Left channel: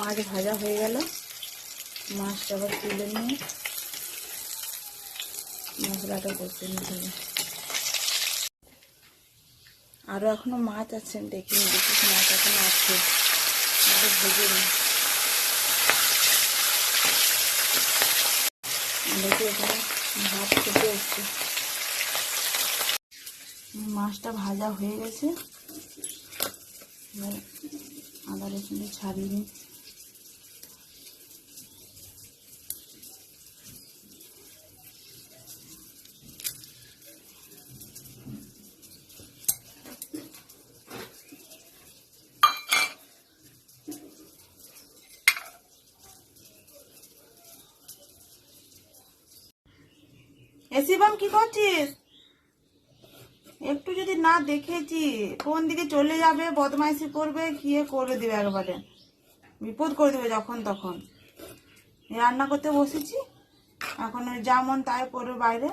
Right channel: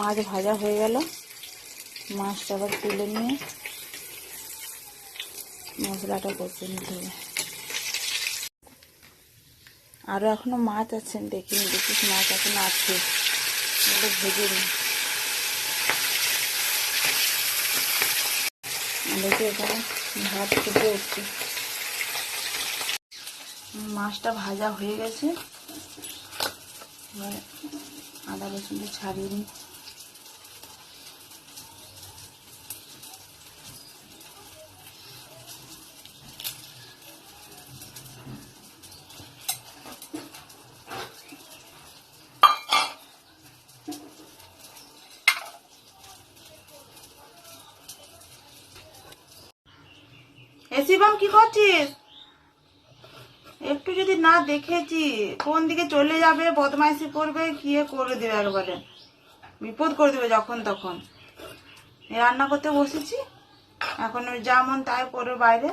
মাছ ভাজা হয়ে গেল। মাছটা আবার তুলে নিয়ে মশলাটা করতে নিতে হবে। আরও এখনো মাছ আছে, দেখিনি, দেখিস মাছ এখনো আছে, ভেজে নিই। দেখি এখানে ভাত ফুটে এসছে, মাছটা ভাজা হয়ে গেছে। আদা রসুন ছাড়িয়ে নিই। শিবম কি করছিস? একটু যদি না দেখেছি কোন দিকে চলে যাবে, বদমাইশি করবে, কি করে দেবে, একবারে বিপদ করে দেবে যখন তখন। রান্না করতে বসেছি, এখন যেমন তাই করবে বাইরে।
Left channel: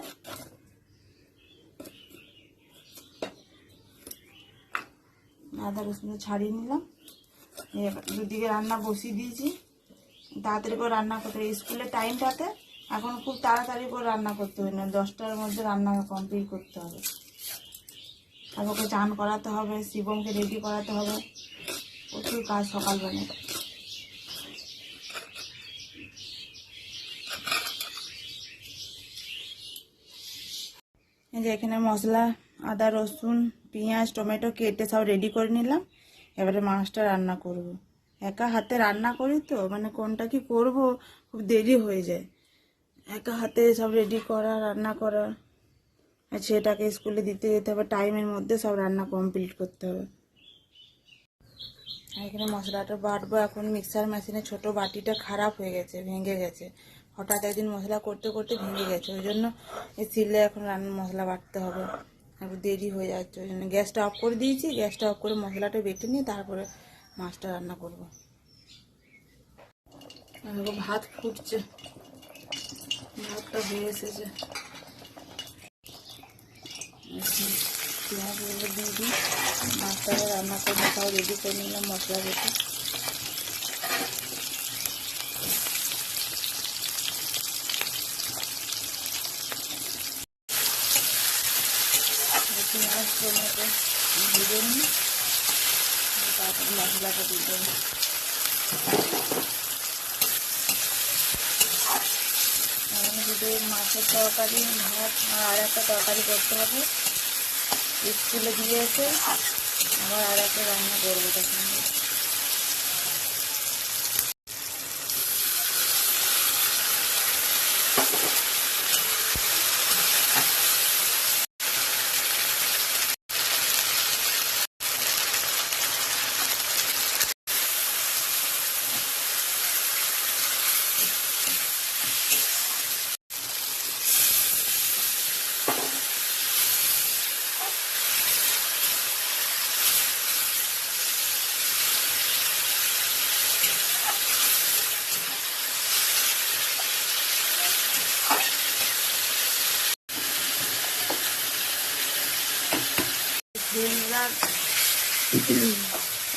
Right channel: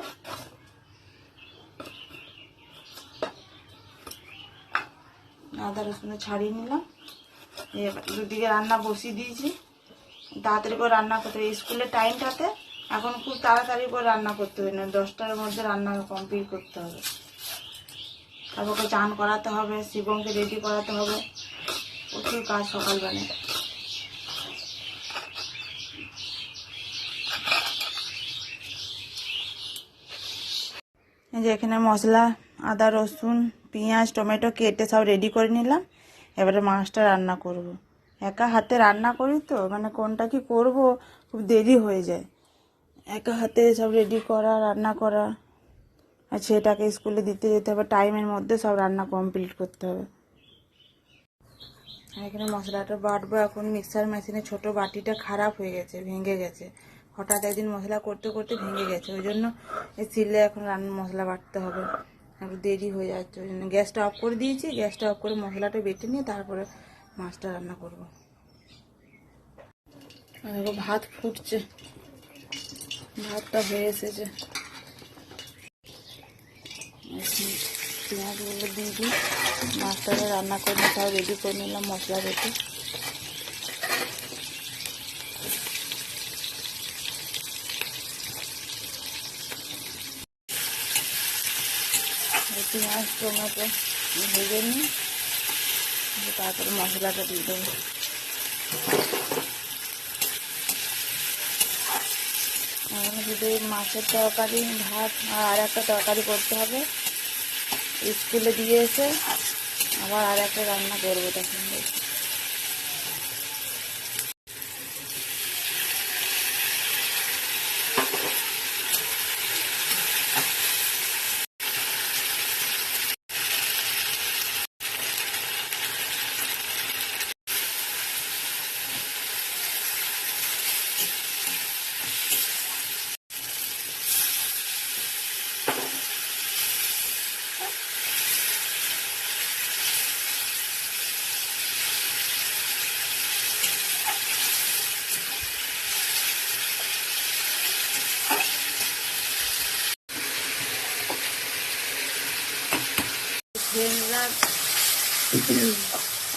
আদা রসুন ছাড়িয়ে নিলাম, দুদিকে রান্না বসিয়ে দিয়েছি। তাড়াতাড়ি করে রান্না করতে হবে, স্কুলের টাইমটাতে এখন খুব তাড়াতাড়ি করে রান্না করতে হবে, না 10টার মধ্যে রান্না কমপ্লিট করতে হবে। তারপরে চান করাতে হবে, শিবমকে রেডি করাতে হবে, প্রচুর কাজ সকালবেলা। এই যে এখানে মশলা, আদা রসুন পেঁয়াজ টমেটো কেটে সব রেডি করে নিলাম। এবারে মাছটা রান্না করব। একা হাতে রান্না করি তো, মানে কোনটা কি করব খুব দেরি হয়ে যায়। একা হাতে সব রেডি করা, রান্না করা, আর সেটাকে স্কুলে দিতে যেতে হবে, টাইমের মধ্যে সব রান্না কমপ্লিট করতে হবে। আর এখানে মশলাটা বাটবো। এখন মিক্সার মেশিনে ছোট বাটিটা খারাপ হয়ে গেছে, ভেঙে গেছে। হঠাৎ একদিন মশলা করতে করতে ভেঙে গেছে, ওই জন্য এই সিলে এখন মশলা বাটতে হবে, একটু দেরি হয়ে যাচ্ছে। ওই জন্য গ্যাসটা অফ করে দিয়েছি। গ্যাসটা অফ করে মশলাটা বেটে নিয়ে তারপরে মাছটা রান্না করব। ভাত ফুটছে, ভাতটা হয়ে এসেছে। পেঁয়াজগুলো দিয়ে দিই, মাছটাকে রান্না করে সব রেডি করে নিলাম মশলা বেটে। পেঁয়াজ টমেটো ভেজে নিই, তারপরে মশলাটা দিয়ে দেবো। যদি মাছের তরকারি, ভাত আর একটা তরকারি করতে হবে, স্কুলে দিয়ে এসে আবার আর একটা রান্না করবো তখন।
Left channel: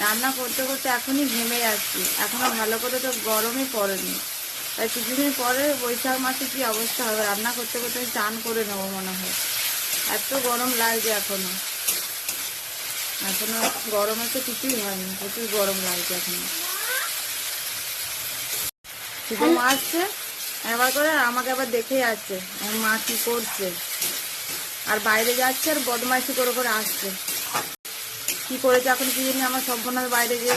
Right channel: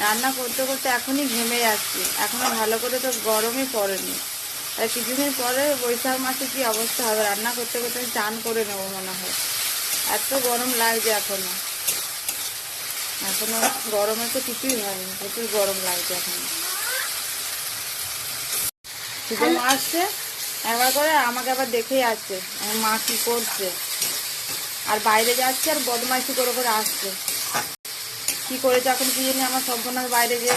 রান্না করতে করতে এখনই ঘেমে যাচ্ছি, এখনো ভালো করে তো গরমে পড়েনি। তাই কিছুদিন পরে বৈশাখ মাসে কি অবস্থা হবে, রান্না করতে করতে চান করে নেবো মনে হয়, এত গরম লাগছে এখনো। এখনো গরমে তো কিছুই হয়নি, প্রচুর গরম লাগছে এখনো। শীতের মা আসছে একবার করে, আমাকে আবার দেখে যাচ্ছে মা কি করছে, আর বাইরে যাচ্ছে আর বদমাইশি করে করে আসছে। কি করেছে এখন কি জানি, আমার সম্পূর্ণ বাইরে গিয়ে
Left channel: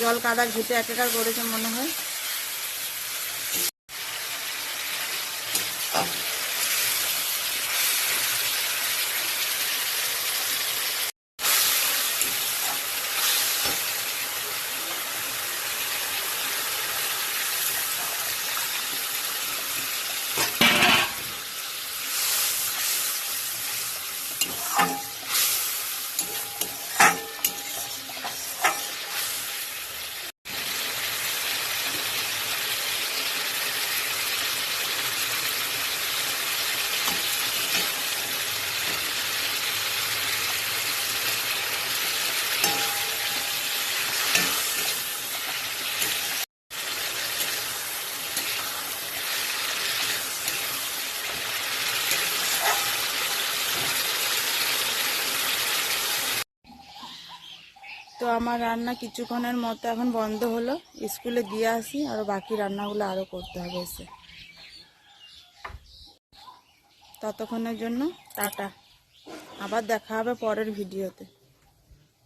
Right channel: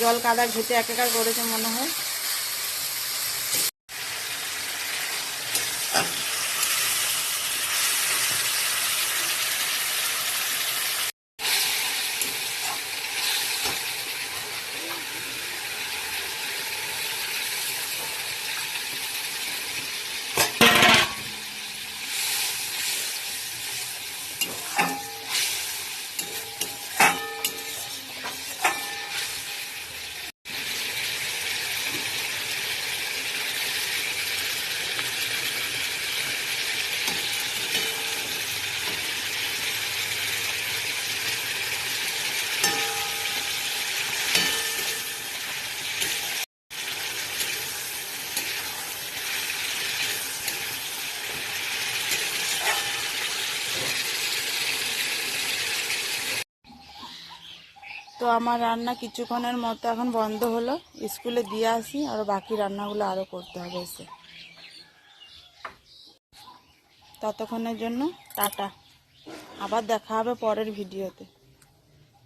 জল কাদা ঘেটে একাকার করেছে মনে হয়। তো আমার রান্না কিছুক্ষণের মতো এখন বন্ধ হলো, স্কুলে দিয়ে আসি, আর বাকি রান্নাগুলো আরও করতে হবে এসে। ততক্ষণের জন্য টাটা, আবার দেখা হবে পরের ভিডিওতে।